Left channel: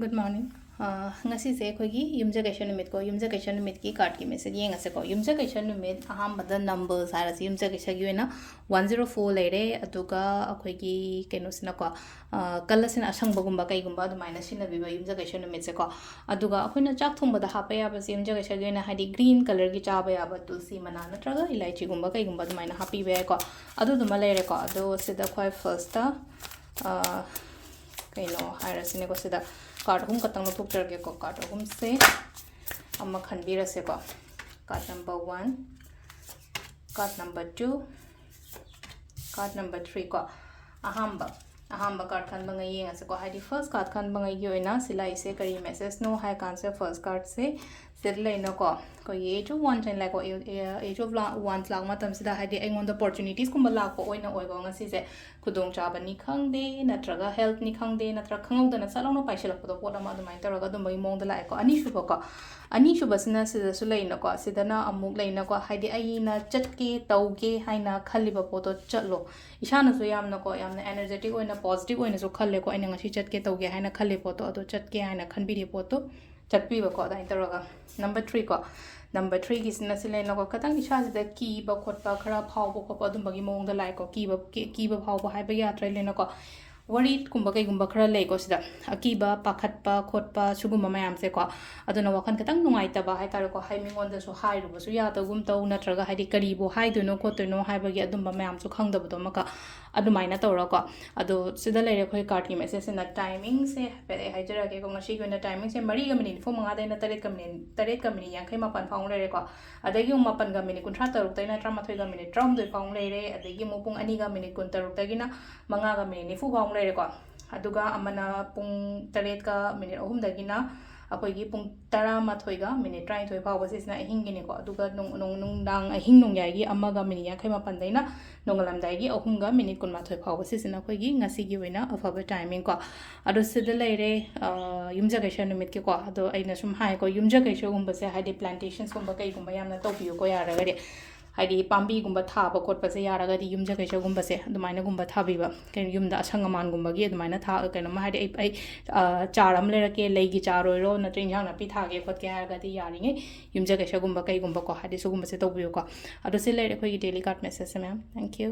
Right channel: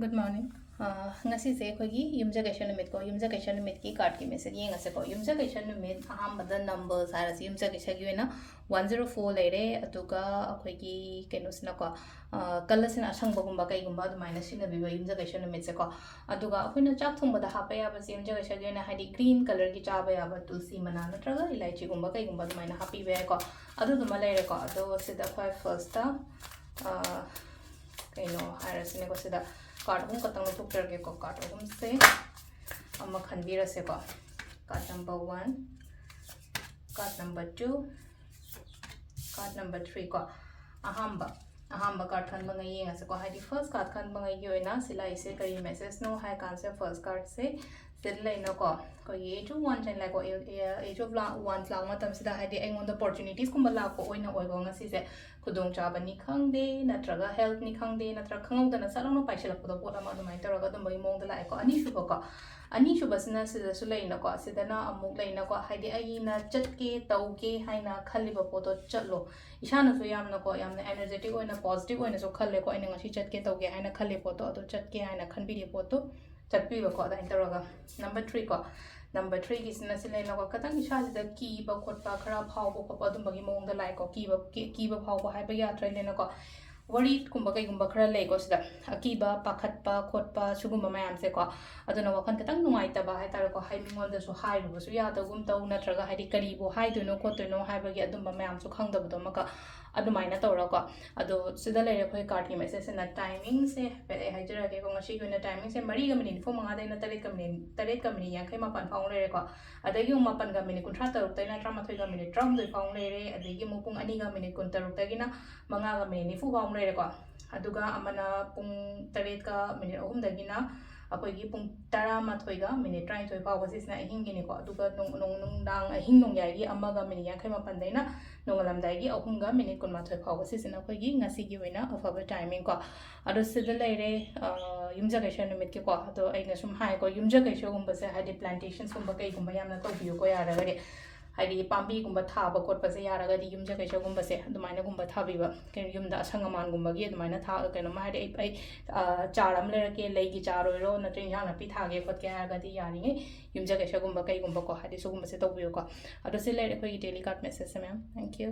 Good morning. Ngasigi akhoi yumjagation numit ko yumjagation numit ki card ki message yengase ko yumjagation numit ahambada numbers harasi yumjagation gi oina 104 leire atuga akhoi gi kenosina ko kalasina asangba gumba kai gumba adumaina sina biba yumjagation numit se ko aduga akhoi chak thumba da hapa ya bas yumjagation gi oina hadi green color gi chaba ya ba tulsi mana natraga ilaichi gumba kai gumba adumaina happy be ko adu duma leire ko adu sida khoi first ta kaino hairasine ko sida card hum katang no thuk terge ko card hum se amma khanbira se ko card number 1 card number 2 card number 3 ko ahamba card khan bangai yenga se ko hadi first card khan bangai gi oina sila ise kari message no hai cancer first card se sedle no ko ye to one time like age of one lag matam sida hadi aingon the opportunities kum la ko oina oigo nga si se khudong chaba ni khangde natraga health ni khangde natra khangong dana salong no paisel ko pot ama dumai taraga dum bai mong da lai ko ani shu basna sida su leina ko sidana amuk leina ko hadi ai na chatke tauge haina khaliba poto chatlo ishana su yamna ko yamna energetic oina positive oina so khalle ko aina ngasi chatke tauge haina khalle poto ado chatke haina khanbiri poto chatpi ba ko dai taraga number 3 ko number 3 gi sina sile no ko katang isha sida ki ba khot pa khara phau ko ko adum bagi mong da lai ko ki ba phau ba hai ba ya trai le no ko worried kumba kai gumba khara le ko sida akiba pakhat pa khot pa sugum mayam se ko aduna wakan katang nungai ta ba hai tar ko hai mingon da su hai ru su ya ta gum tau na traga hai di kari bo hai do no ko to no hai ba gi adum ba mayam su khang da bu do maka adumaina tawra ko ado sida lere khoi card ki message na timing se hai jara ke ko ngasi ko na timing se mari ga minute fo manga da na tare ka minute yang khai ma pan phang lere ko adagi ma pan ga minute kun tra taruk tai na tra ma thoi ga minute tram doi phang lere adagi mo pung ani ga minute kun taruk tagi na manga ga minute fu phang lere ko aduga amana pung taret ka minute ahum dagi na akoi gi pung tara ma thoi ga minute trai thoi phaw basis na ahing gi ne ko aduga nung dang ahing nung yai gi amma ga minute yang khai ma pan dai na nongalam dai gi ahum ga minute kun ma thoi phaw basis na koi gi ngasi gi wena afaba timing ko ado sida leire yumjagation numit ki ko ado aina sum hai ko yumjagation gum ba se hadi plantations gum ba kai gum ba yamna to biu ko yara ga de hadi pambi gum ba tha ba kot ba se yara ga di yumjagation gum ba se adumaina gum ba tha bi ba ken yum da sangaman gum ba gi adumaina tha ka no ma hadi ai charam le ra ke lei gi charoi ro na trin jang na pi tha ge kot ke ga di yari nge yumjagation gum ba kai gum ba ko hadi su gum ba se to biu ko ado se leire ko gi daily card message se ma'am thank you